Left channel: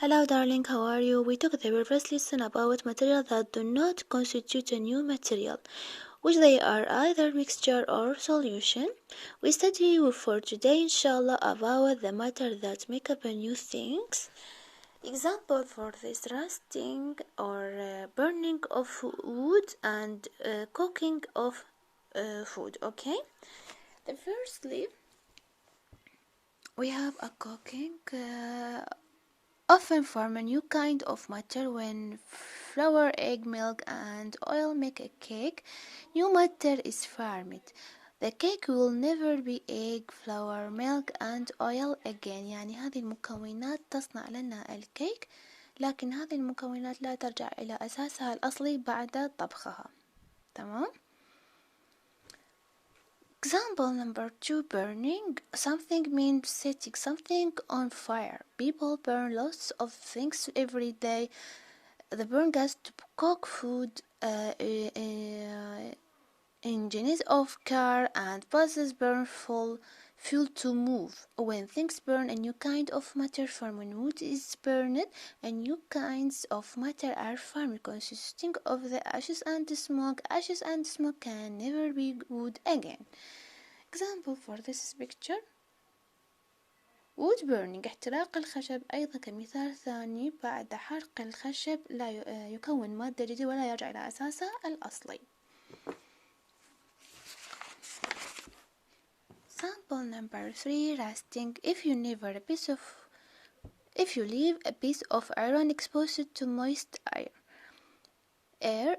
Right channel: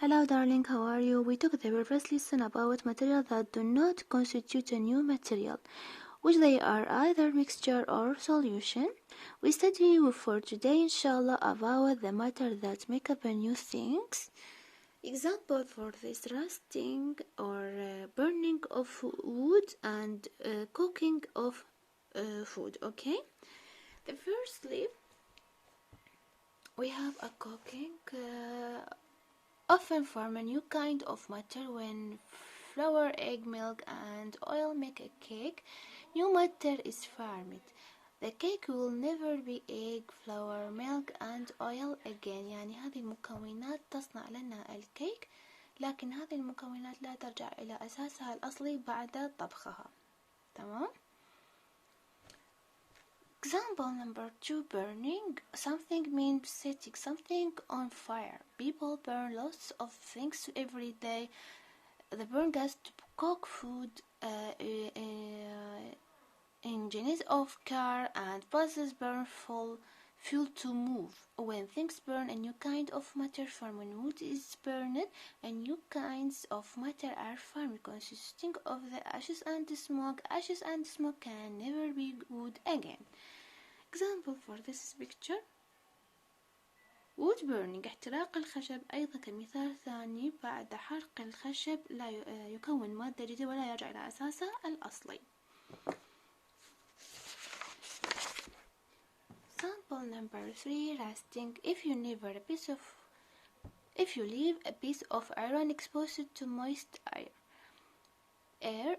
Hello darling, how are you? We took the previous lesson about materials that do not constitute a new material, which they are either mixture or solution. We study for today inshallah about the matter that make up a new things. Example for this: roasting or burning of wood and cooking of food. Okay, the firstly we have a cooking often form a new kind of matter when flour, egg, milk and oil make a cake. New matter is formed. The cake will never be egg, flour, milk and oil again. يعني هذه المكونات تصنع لنا الكيك، لكن هذه المكونات لا ترجع إلى أساسها الأصلي بعد طبخها. تمام؟ Example number 2, burning. Something means setting something on fire. People burn lots of things every day. They burn gas to cook food, engines of car and buses burn fuel to move. When things burn, a new kind of matter forms. When wood is burned, a new kinds of matter are formed, consisting of the ashes and the smoke. Ashes and smoke can never be wood again. Example for this picture: wood burning. احتراق الخشب. أيضا كمثال ثاني، بعد حرق الخشب لا يكون مادة جديدة ولا يرجع إلى أساسه الأصلي. Example number 3, rusting. If you leave a piece of iron exposed to moist air,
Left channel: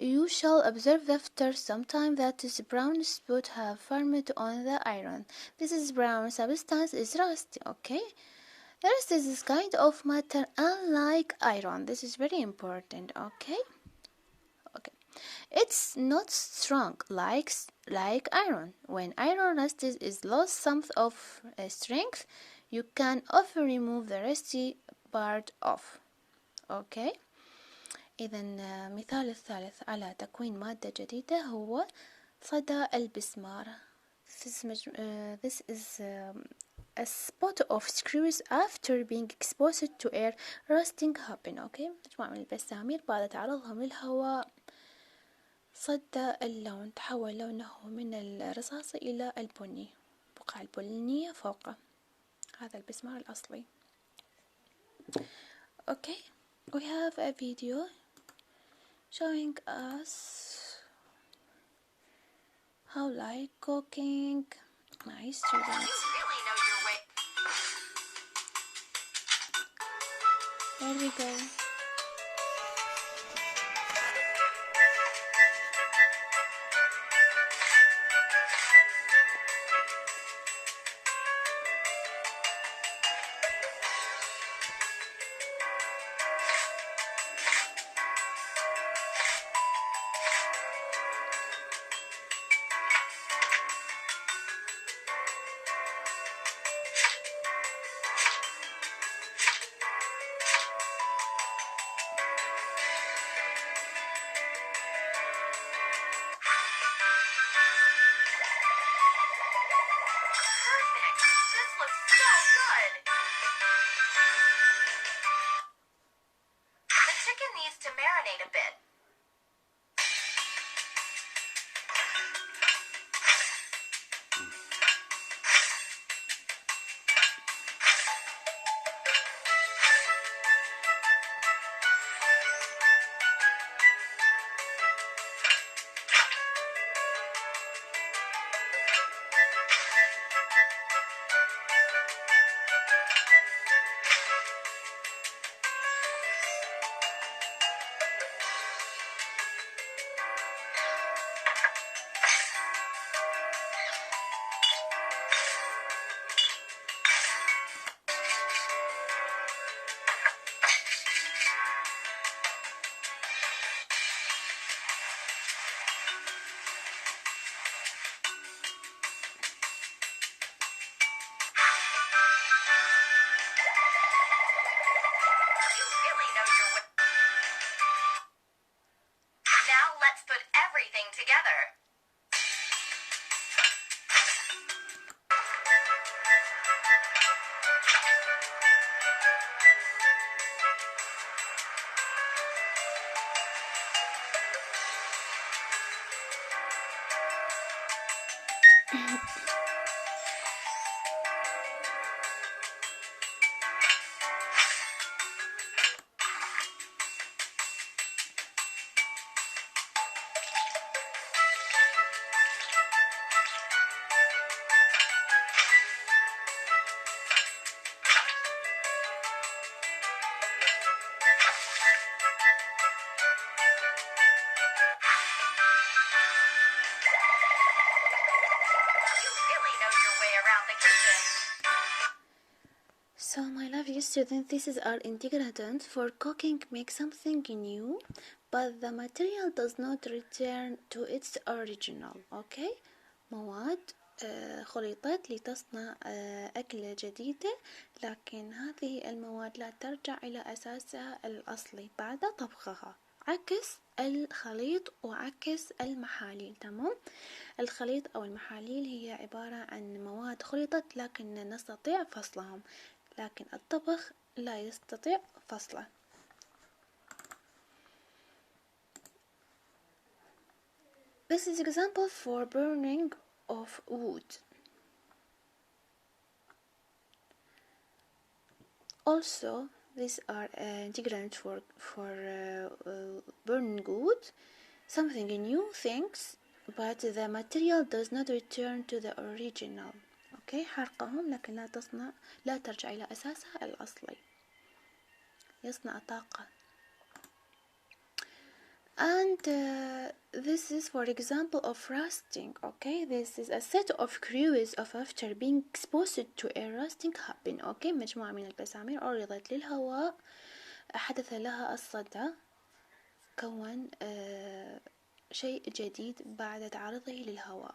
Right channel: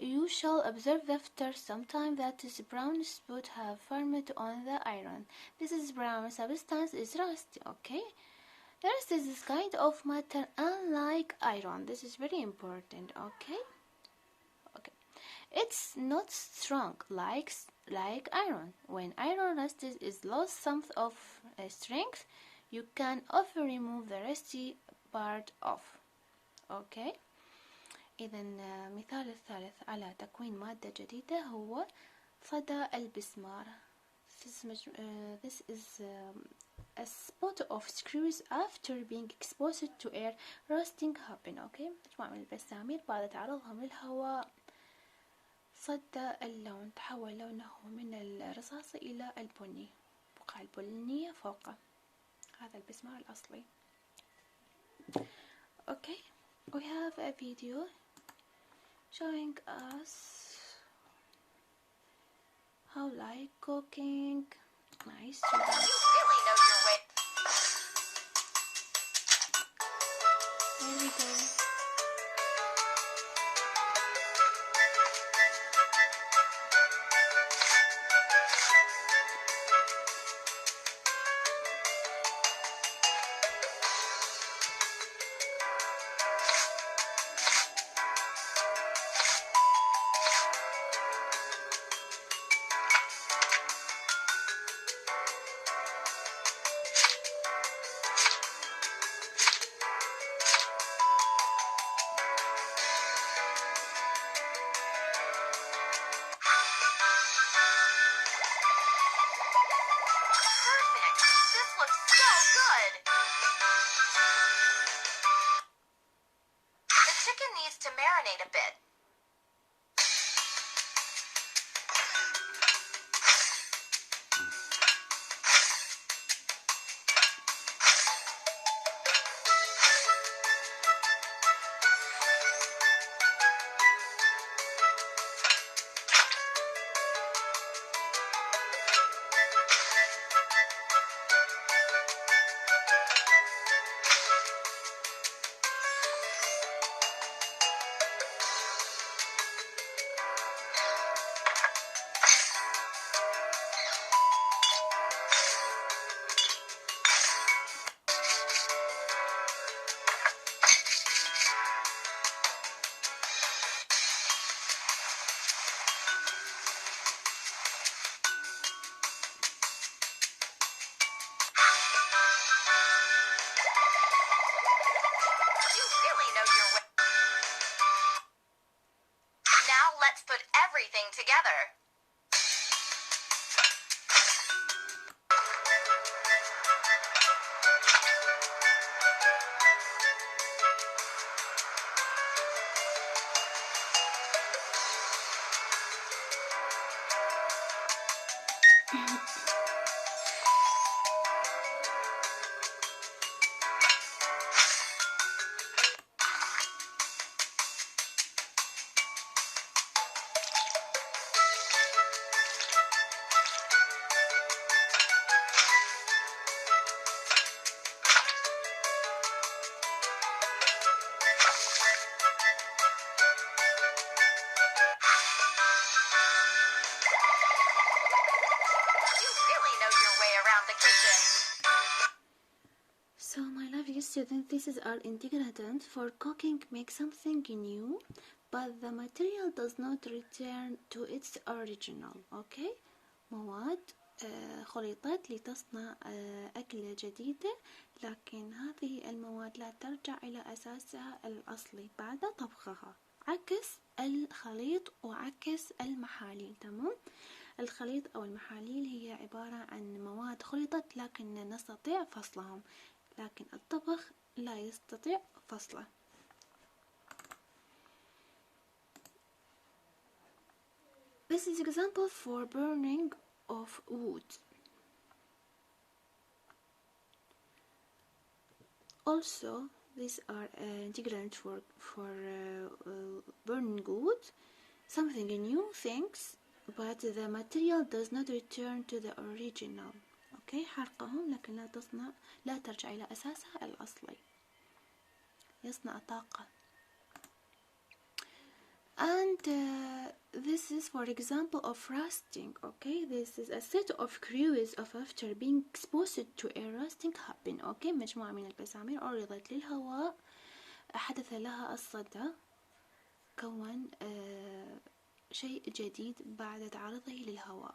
you shall observe after some time that this brown spot have formed on the iron. This is brown substance is rust. Okay, rust is this kind of matter unlike iron. This is very important. Okay, it's not strong like iron. When iron rust is lost some of strength, you can often remove the rusty part off. Okay. إذا مثال الثالث على تكوين مادة جديدة هو صدى البسمار. This is a spot of screws after being exposed to air rusting happen. Okay. مجموعة من البسامير بعد تعرضهم للهواء صدى اللون، تحول لونه من الرصاصي إلى البني، بقع البنية فوقه. هذا البسمار الأصلي. Okay, we have a video showing us how like cooking. Nice students. There we go. To marinate a bit. So, my lovely students, these are ingredients for cooking. Make something new, but the material does not return to its original. Okay? مواد خلطت لتصنع أكلة جديدة، لكن هذه المواد لا ترجع إلى أساسها الأصلي بعد طبخها، عكس الخليط وعكس المحاليل. تمام؟ الخليط أو المحاليل هي عبارة عن مواد خلطت لكن نستطيع فصلهم، لكن الطبخ لا يستطيع فصله. This is example for burning of wood. Also, these are ingredients for burning wood, something new things, but the material does not return to the original. Okay, حرقهم لكن لا ترجع إلى أساسها الأصلي. يصنع طاقة. And this is for example of rusting. Okay, this is a set of cruise of after being exposed to a rusting happen. Okay, مجموعة من الجسامين عرضت للهواء، حدث لها الصدى، كون شيء جديد بعد تعرضه للهواء.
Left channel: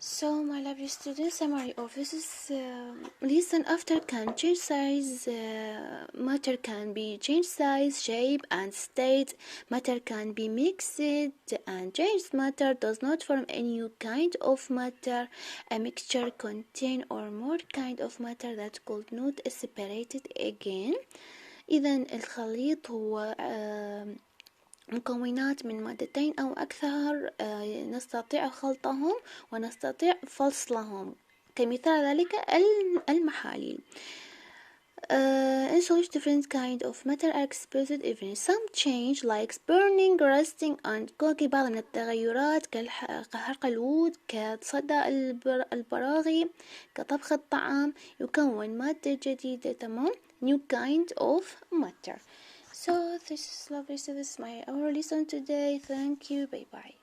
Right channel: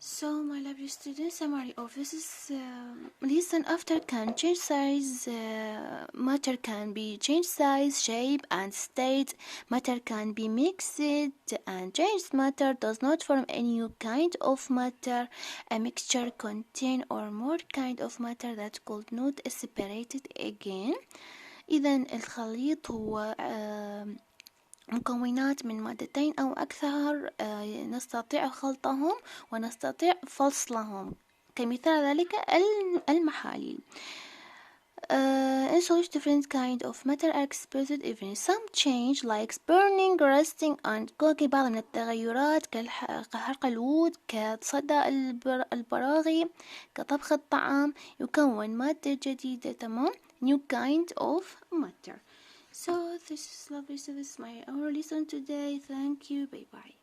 So, my lovely students, summary of this is listen after can change size, matter can be change size, shape and state, matter can be mixed and changed matter does not form a new kind of matter, a mixture contain or more kind of matter that could not separated again. إذن الخليط هو مكونات من مادتين أو أكثر، نستطيع خلطهم ونستطيع فصلهم، كمثال ذلك المحاليل. In such different kind of matter are exposed even some change like burning, rusting and cooking. بعض من التغيرات كحرق الوود، كصدى البراغي، كطبخ الطعام، يكون مادة جديدة. تمام؟ new kind of matter. So this is lovely. So this is our lesson today. Thank you. Bye bye.